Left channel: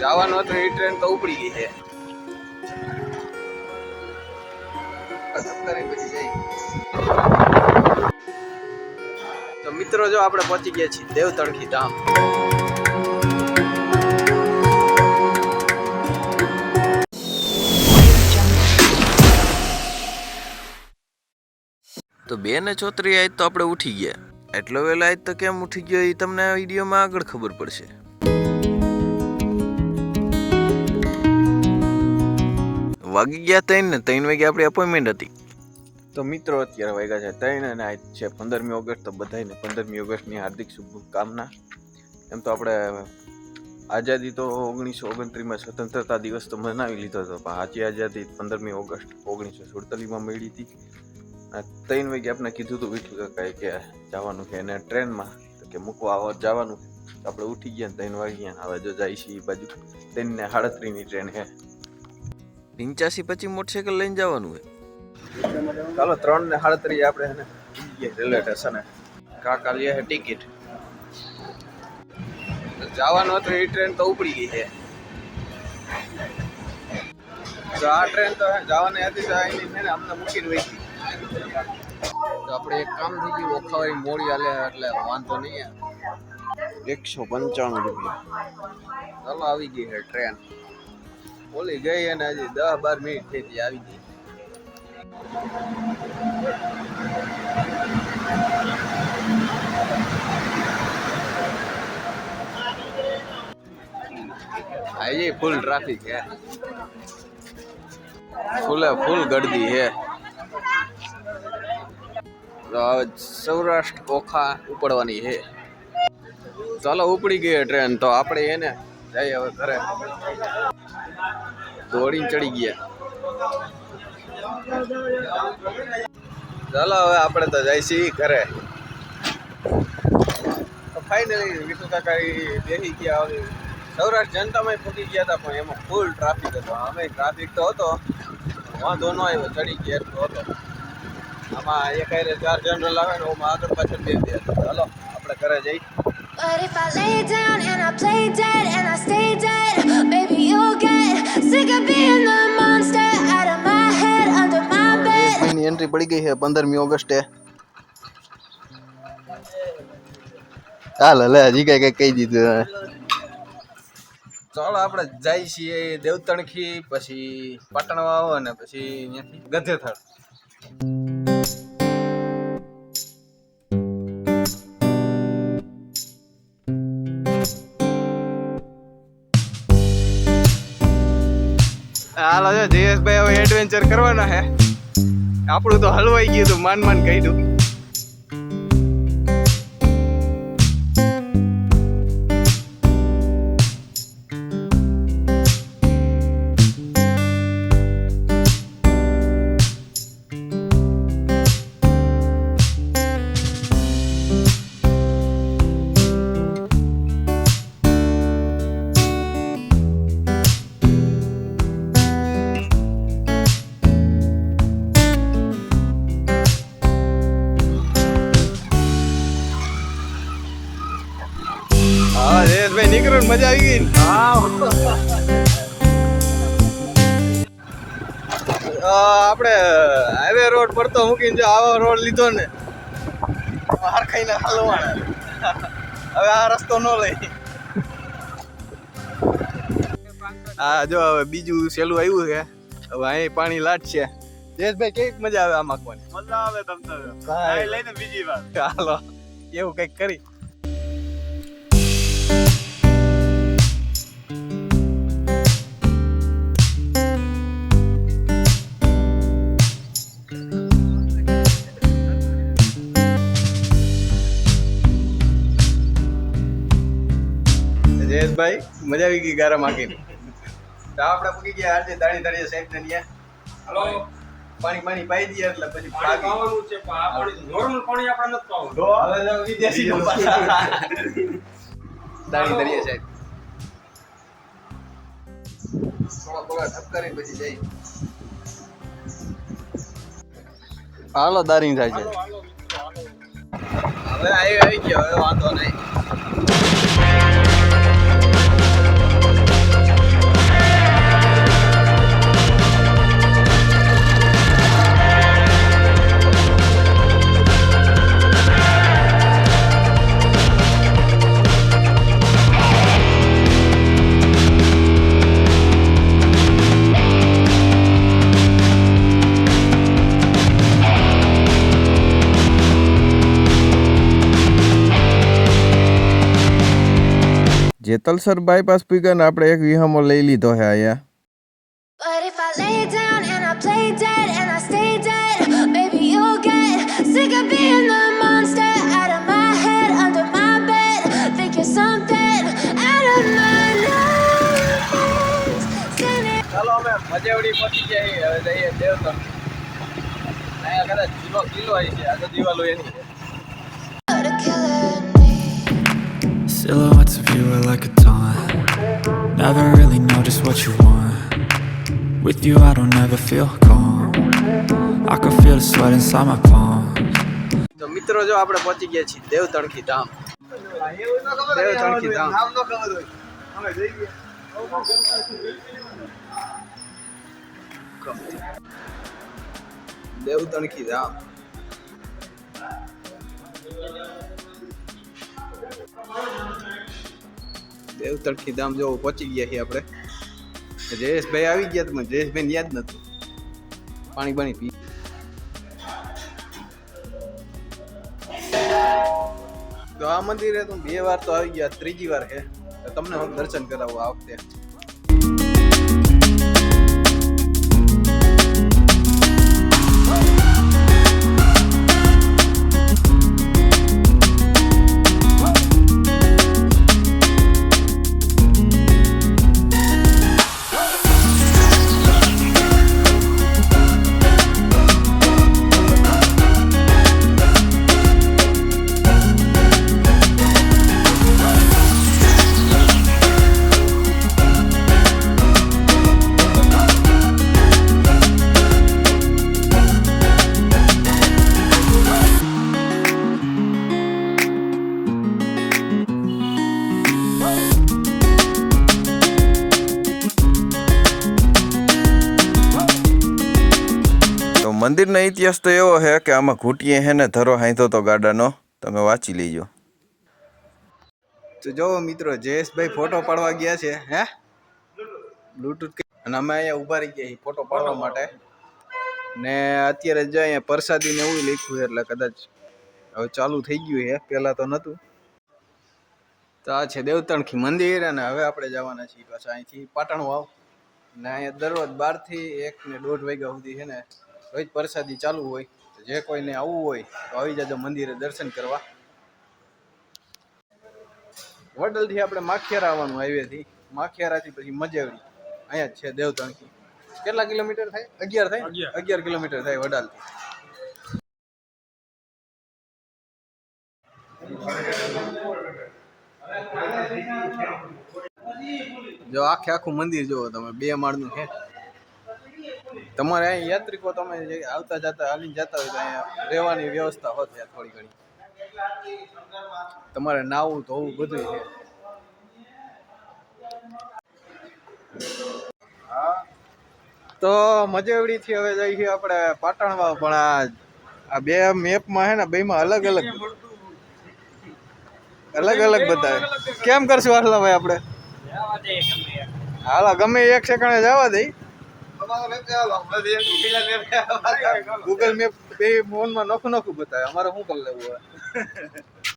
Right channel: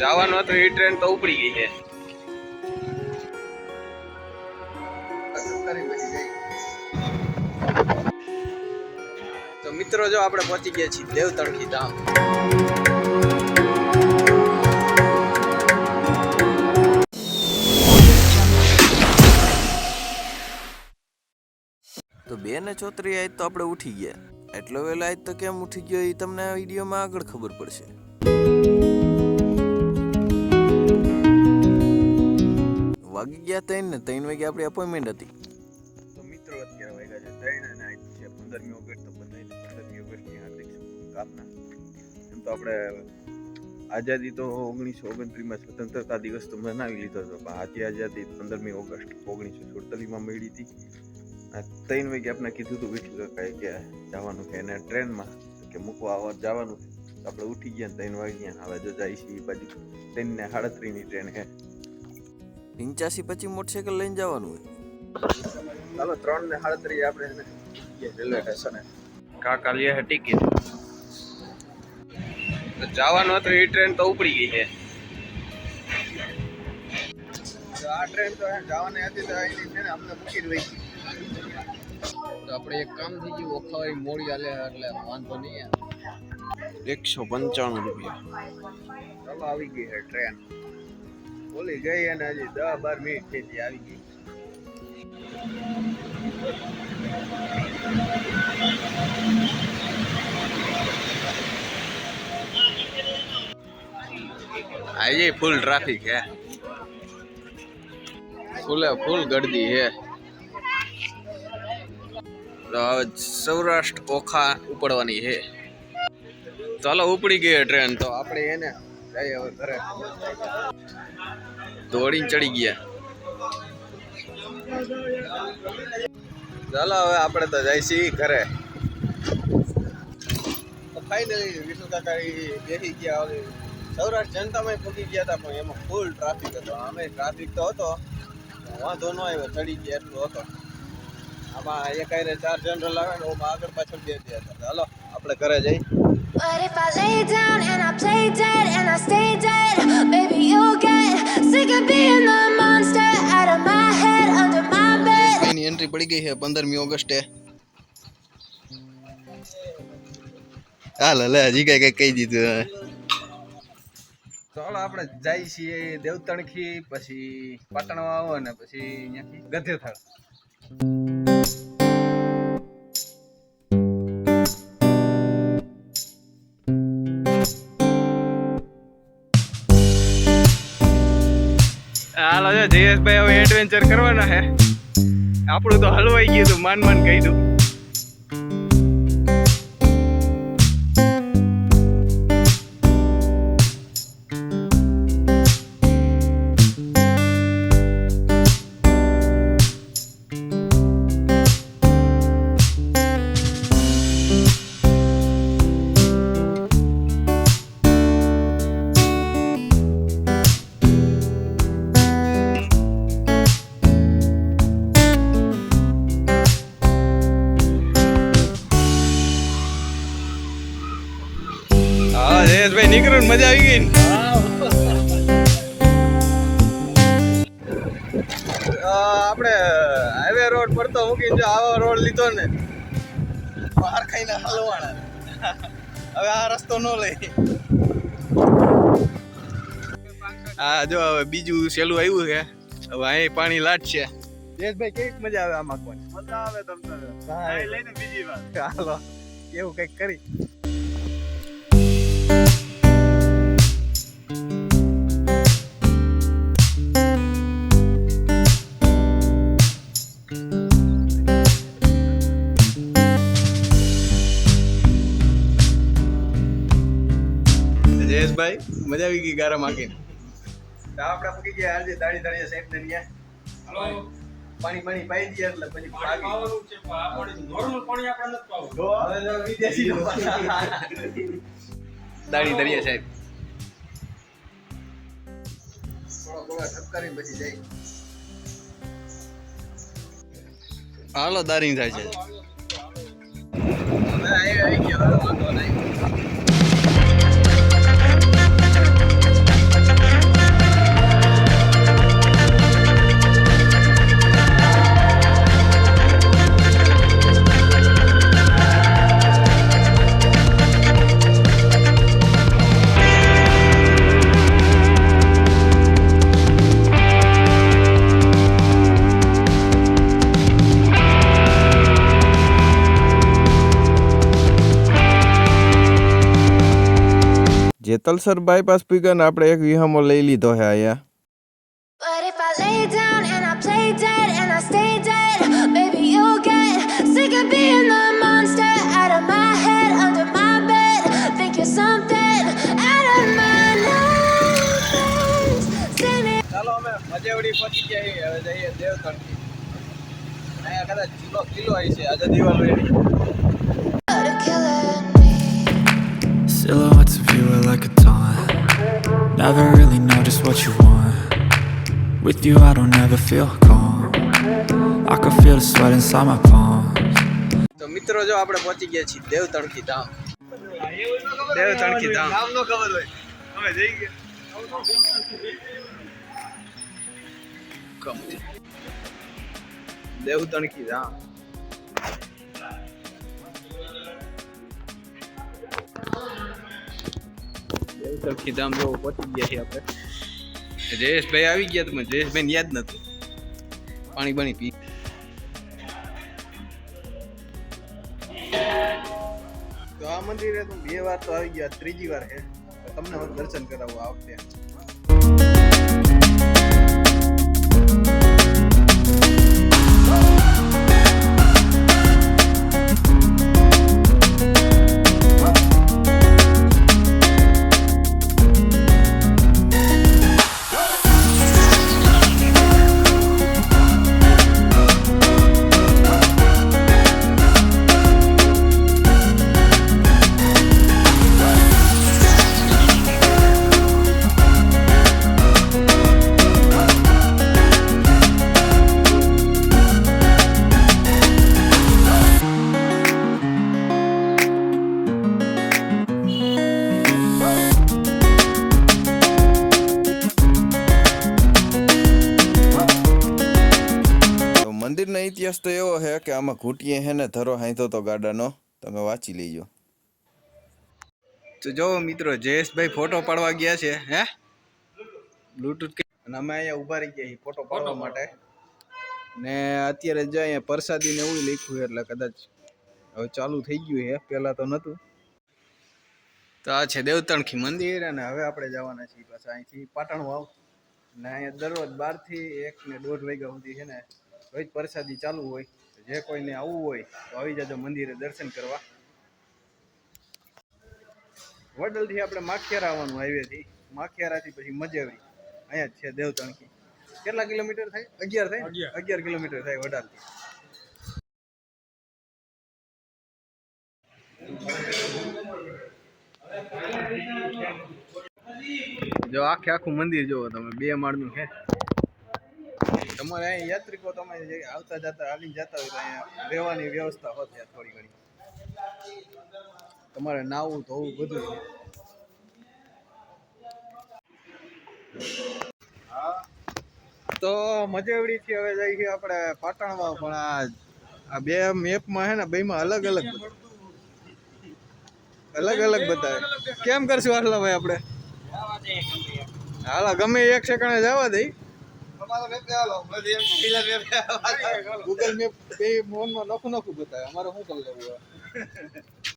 જવાનો હતો એ ટ્રેન તો ઉપડી ગઈ છે. તો મિત્રો જો આપણે પહોંચી ગયા છીએ દેવતણખી ધામ. તો 2:34 આજ તો આપણે ઉઠી ગયા. એટલો વહેલો આજ તો કેમ ઉઠી ગયો એ તમને આ વિડીયોમાં આગળ ખબર પડશે. વાગી ગયા 3 વાગે આપણી અપોઇન્ટમેન્ટ હતી. તો મિત્રો અત્યારે વાગ્યા છે 3 અને આજ છે 15મી ઓગસ્ટ. તો બધાને 15મી ઓગસ્ટની હાર્દિક શુભકામના. એમ તો આપણે આઝાદી તો 1929માં સ્વતંત્રતા દિવસ તો મનાવી લીધો હતો, પણ આજે આઝાદી 15મી ઓગસ્ટ 1947માં મળી હતી. 3 વાગે આપણે કીધું હતું વિઠ્ઠલ કાકાએ કે જવાનું છે એને ટ્રેનમાં કે મૂકવા આવો જવાનું. આપણે ઉઠી ગયા 3 વાગ્યા. હવે જો જાય છે એ બાજુ 3:38ની ટ્રેન છે. 85 મોટરસાઇકલ લઈને જવાનું હોય. ચાલો 3:38 આપણે રેલવે સ્ટેશને કાકા લે ટિકિટ. જવાનું હતું એ ટ્રેન તો ઉપડી ગઈ છે. તો આ ટ્રેન તો જવાની હતી તો એને અમને મૂકીને વહી ગઈ. તો આપણે એક કામ થઈ ગયું, ઓખાવાળી મોડી હાલે એટલે વાંધો નહીં. 195 રૂપિયા. ચાલો આવી ગઈ છે ટ્રેન. બોલી ગઈ અને હજી 10-12 મિનિટ થઈ હતી આવી ગઈ. આજે ફૂલ ટ્રાફિક હે, ફૂલ ગર્દી હે. સૌરાષ્ટ્ર ઓખા ઉપડવાની છે. ચાલો ઉપડી ગઈ ટ્રેન. તો આપણે એને જઈએ હવે ઘરે. દોડીને ચડી ગયા. ચાલો હવે આપણે તો જાય છીએ ઘરે. તો ફાઇનલી વિઠ્ઠલ કાકા બેસી ગયા. સૌરાષ્ટ્ર જનતામાં ફૂટી ગયા હતા, પણ એમાં ફૂલ ટ્રાફિક હતો. અમે ટ્રાફિક તો હતો, વાંધો ન આવ્યો, ચડી ગયા એટલો હતો. આમાં એક 4 જનરલ આવે ને ઓમાં આગળ પાછળ દે દે. ચાલો આપણે ઘરે જઈ. But if I lay down and I play dead and I stay dead, maybe you'll get sick of being the monster out of my head, under my bed. Any entry પડી ગઈ છે 15મી ઓગસ્ટે. હાલ લે હજી કઈ કહી દીધું. ચાલો આપણે જઈએ છીએ દેવતણખી, પછી પાટણ વાવ અને પછી અહીંયાથી ગધેથળ. હાલો છે જયેશભાઈ, હવે એડવેન્ચર કરવાના છે. આપણું તો હલવાઈ ગયું હતું, માન કહી દઉં. આપણે હાઈવે રોડ પર તો મૂકીને જો આવો રોડ લીધો ને બહાર ખાઈને હલવાના. હવે આ રસ્તો ન લઈ. હા જો હવે બીજું સહેલું આવ્યું છે. હવે અહીં પાણી લાટશે. જયેશભાઈ કેવી મજા આવે આમાં? કોને મજા આવે? તમને લઈને બીજી વાર ચાલો એવું કંઈક કરી. ભાઈ મજા આવી ગઈ ગારા માખીને. તો આપણે પૂકી ગયા આજે દાણી સાહેબ ને ત્યાં. હાલો પાણી પાઈ દઈએ એટલે પછી પાણી પાવાનું છે. પાણી નોર્મલ પાણી આપણે નથી પાવું. હવે વિદેશી દાણી સાહેબ થોડા ઠપકારી પછી જાય. હાલો દારી થાય છે. હવે આવી ગયો, હવે વાંધો નહીં. વાલસર બાયપાસ પૂગ્યા ને આપણે એક વિહામો લઈ લીધો છે અહીંયા. But if I lay down and I play dead and I stay dead, maybe you'll get sick of being the monster out of my head, under my bed, thinking something out of my nightmares. ચાલો અમે મજેવડી પહોંચી ગયા છીએ. હવે જઈએ દેવતણ. અહીંયા કદાચ kilo આવી છે આજે દિવાળો એની. Silhouettes of you are like a taunt. Never really know just what you want. With you I don't ever feel calm. I can feel the sweat inside my palms. તો મિત્રો જો આપણે પહોંચી ગયા છીએ દેવતણકી ધામ. દેવતણકી ધામ નામ નો ખબર હોય અમે જઈ ગયા. દેવતણકી ધામ. દેવતણકી ધામ જો પહોંચી ગયા છીએ આપણે. જયેશભાઈ આવી ગયા તમે જયેશભાઈ યાદ નથી. પાણી પી. તો આ મંદિરે તો 2 વાર તો આવી ગયા, 3જી વાર છે. તમને હું દર્શન કરાવું આ વખતે. મંદિરનો ઇતિહાસ તો એવો છે કે આમાં ઘૂંટીએ હે ને ધરો હાંધો તો ગાડાનો, તમે વાંચી લેજો. તો જો મિત્રો જયેશભાઈ ફોટો પાડવા ગયા છે હે બ્લૂટૂથ અને અમે અહીંયા ઊભા રહી ગયા ફોટો પાડવા માટે. ને અત્યારે જ અહીંયા પ્રસાદી ને એવું લખ્યું એટલે કદાચ હવે ચાલુ થઈ ગયું છે, પહેલાં તો નહોતું. તો આ છે દેવતણકી મંદિર અને હવે આપણે જવાના છીએ પાછા અહીંથી પાટણ વાવ. ને અહીંયા દરરોજ 12 થી 1 ને 1:30 વાગ્યા સુધી છે ને રોજ પ્રસાદી ચાલુ હોય. જે કોઈને આવવું હોય તો આવી જજો મંદિરે દર્શન કરવા. વડલથી આપણે માખિયારા આવવાનું હાઈવેથી, માખિયારાથી પછી મજેવડી. અહીંયા જ છે દેવતણકી. કેટલા કિલોમીટર થાય? 11 થાય. 11 કિલોમીટર થાય વડાલથી. જો આખું મંદિર જોવો તમે, 2 માળનું છે. તમારે અહીં યાત્રિકો તમે આવતા જતા હાલીને જતા હોય તો અહીંયા રહેવાની વ્યવસ્થા હોત છે થોડી ઘણી. તમારે નાવું ધોવું બધું છે. તો મજેવડીથી હવે જઈએ છીએ આપણે પાટણમાં. પણ આ 2 મેપમાં છે ને 2માં અલગ અલગ બતાવે. કેમ કરશું આટલા ભાઈ આપણે? હાલો ગમે એક સેકન્ડે જવા દઈ. ગૂગલ મેપ 2 ફોનમાં નોખું બતાવે. અમારે શું કરી લેવું હોય?